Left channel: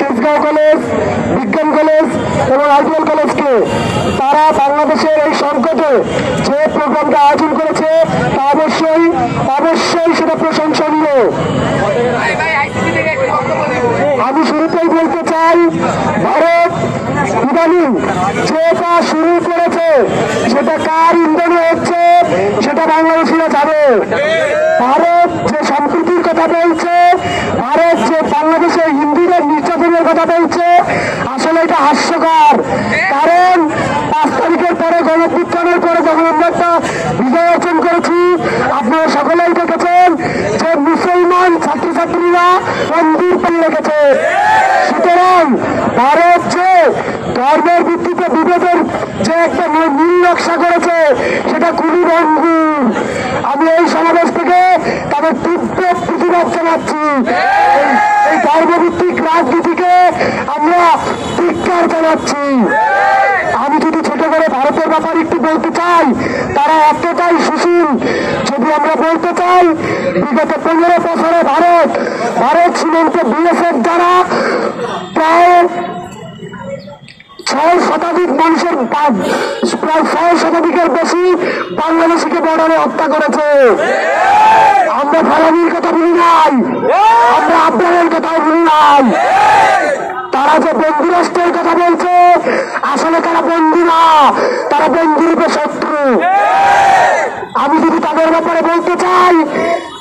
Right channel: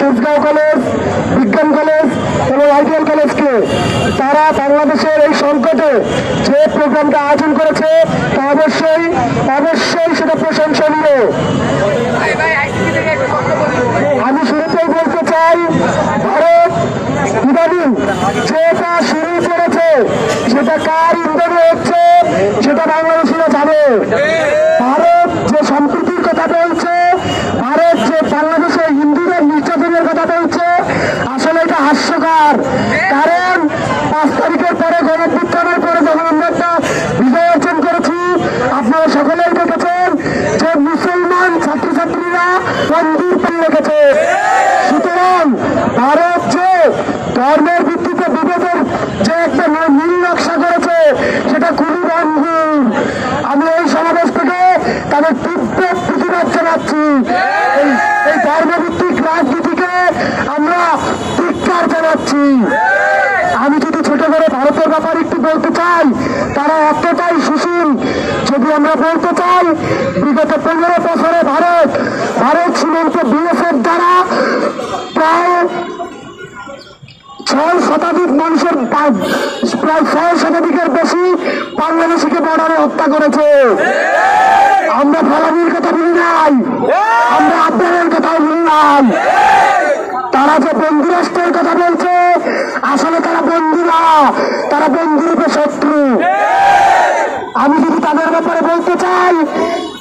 Tejgaon college, বিজ্ঞান college এবং ideal কলেজকে তারা বাংলাদেশের এই সংকটে যে প্রোগ্রামটা আয়োজন করেছে তা অবশ্যই সেটা প্রশংসনীয়। আমি শুরুতেই বলতে চাই, ভারত ইদানিং যেটা শুরু করেছে সেটা কার ইন্ধনে হচ্ছে সেটা বাংলাদেশিরা জানে। ভারত যে সম্প্রীতির কথা বলছে, ভারত যে বাংলাদেশে হিন্দুদের নির্যাতনের কথা বলছে, আসলে এটা হাস্যকর। কারণ 5 তারিখের পরে গণঅভ্যুত্থানের পরে যখন আমরা একটা বিজয় অর্জন করেছি, আপনারা সকলেই দেখেছেন যে মুসলমান ছাত্রছাত্রীরা মন্দির পেয়ে রেখেছে। সুতরাং ভারত যে ধর্মের ভিত্তিতে বিভেদের যে একটা নীল নকশা করেছে সেটা খুবই রঙিন। আমি এই সমাবেশ থেকে তাদের তীব্র প্রতিবাদ জানাচ্ছি। এই ধর্মভিত্তিক রাজনীতিকে আমরা ধিক্কার জানাচ্ছি। আমি যদি ছোট করে ভারতের ব্যাপারে একটু বলতে চাই, তারা এতটাই সুশীল। যদি আমরা বলতে চাই, বিগত 15 বছরে ভারত সীমান্ত বিএসএফ দ্বারা প্রায় 6 শতাধিক মানুষের প্রায় 6 শতাধিকের বেশি বাংলাদেশিকে বর্ডারে হত্যা করেছে। আমরা ফলানির কথা বলি নাই, আমরা আফগানের কথা বলি নাই। তারা যে বন্দী রাষ্ট্রের কথা বলছে, আসলে তারা বন্দী না, তারা বন্দীরূপে শত্রু। আমি যদি তাদের ব্যাপারে বলতে চাই,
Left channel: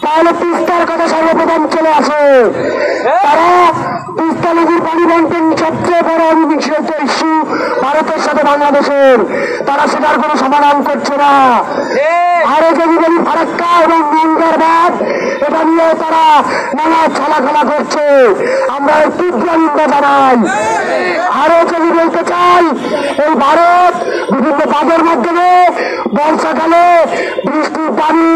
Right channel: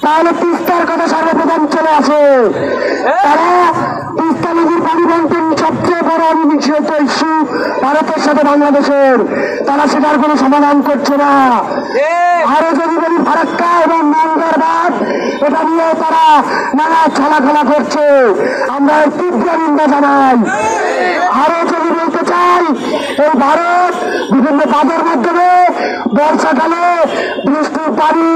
তাহলে তিস্তার কথা সর্বপ্রথম চলে আসে। তারা তিস্তা নদীর পানি বন্টন সবচেয়ে বড় অনিশ্চিত ইস্যু ভারতের সাথে বাংলাদেশের, তারা সেটার কোনো সমাধান করছে না। আরো যদি বলি ফারাক্কা এবং গঙ্গার বাঁধ, এটা নিয়েও তারা নানা ছলাখেলা করছে। আমরা তীব্র নিন্দা জানাই। আরো যদি বলতে চাই, এই ভারত বিভিন্ন বাঁধের মধ্যে বর্ষাকালে বৃষ্টির পানি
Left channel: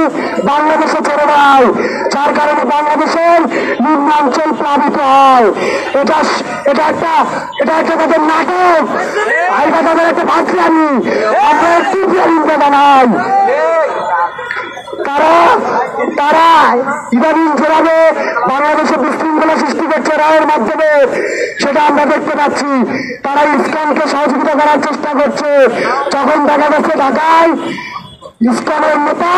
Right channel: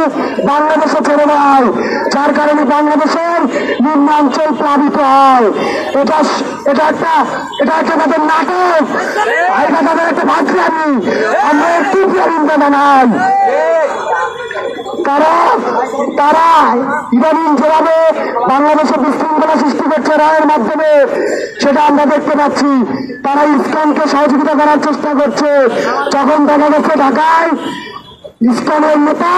বাংলাদেশে ছেড়ে দেয়, যার কারণে বাংলাদেশের নিম্নাঞ্চল প্লাবিত হয়। এটা একটা তাদের নাটক, এটা তাদের একটা ভাগ্যামি। আমরা তীব্র নিন্দা জানাই। তারা ইদানিং যেভাবে বাংলাদেশে বিশৃঙ্খলা সৃষ্টি করছে রায়ের মাধ্যমে, সেটা আমরা দেখতে পাচ্ছি। তারা ইসকনকে সহযোগিতা করার চেষ্টা করছে। যখন দেখা যাচ্ছে ঢাকায় ইসকনের নেতা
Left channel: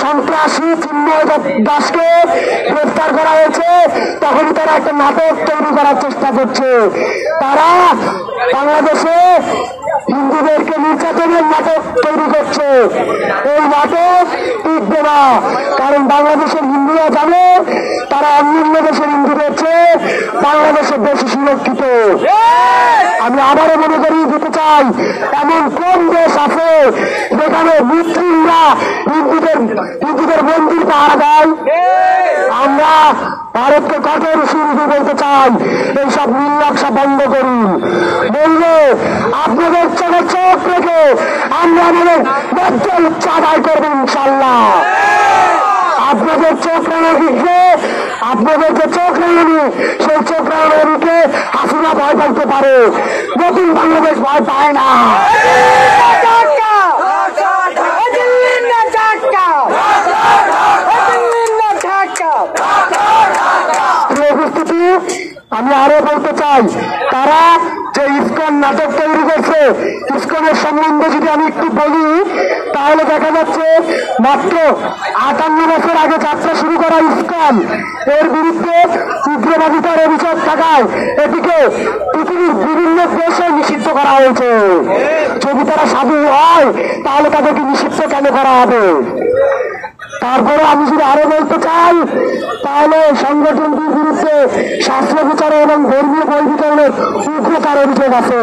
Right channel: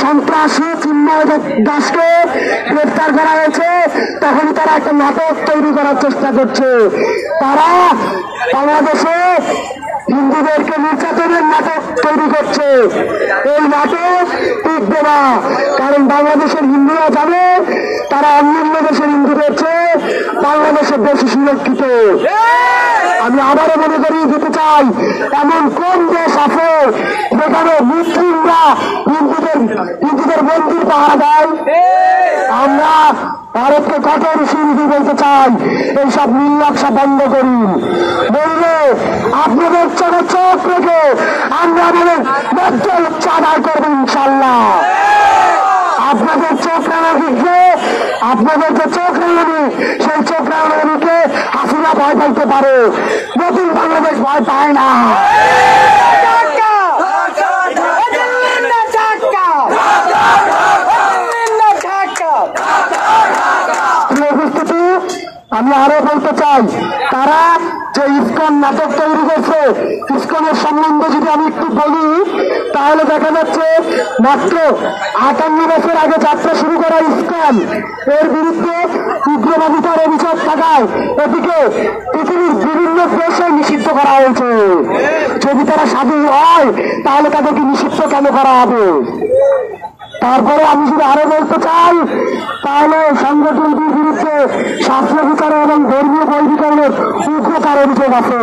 সন্ত্রাসী চিন্ময় দাসকে গ্রেফতার করা হয়েছে, তখন তারা একটা নাটক তৈরি করার চেষ্টা করছে। তারা বাংলাদেশে হিন্দুদেরকে নির্যাতনের নাটক তৈরি করছে। এই নাটক টিকবে না, কারণ বাংলাদেশের হিন্দুরা জানে তারা অন্যান্য দেশের হিন্দুদের চেয়ে বাংলাদেশে বেশি সুরক্ষিত। আমি আবারও মনে করিয়ে দিতে চাই, এমন কোন দেশ আছে যেখানে মুসলিমরা হিন্দুদের মন্দির পাহারা দেয়? আমরা ভারতকে কঠোর সুবিধা বলতে চাই, এইসব নীল নকশা বন্ধ করুন। বললে আপনাদের চোখে চোখ রেখে আমরা আমাদের ন্যায্য ইচ্ছা আদায় করবো ইনশাল্লাহ। আপনাদের চোখ রেখে আপনাদের যে চোখ রেখে সেই চোখ রেখে হাসিনা ভয় পাইতে পারে, নতুন বাংলাদেশ ভয় পায় না। উপস্থিতি, আমি আরো বলতে চাই, তারা যে ইসকন নাটক তৈরি করছে, ইসকনের সম্বন্ধে যদি আমি একটু বলি, তাহলে দেখা যাচ্ছে মাত্র 58 বছর আগে যাত্রা শুরু করা ইসকন, এর বিরুদ্ধে উগ্রবাদিতার অভিযোগ থাকায় এটিকে পৃথিবীর বিভিন্ন দেশে নিষিদ্ধ করা হয়েছে। যদি তারা সাধু হয় তাহলে তাদেরকে নিষিদ্ধ কেন করা হবে? তারপরে আমি যদি আরো বলতে চাই, তাহলে সংগঠনটির বিরুদ্ধে শাস্ত্র বিচার এবং ধর্মীয় বৈধীকরণের উগ্রতার অভিযোগ আছে।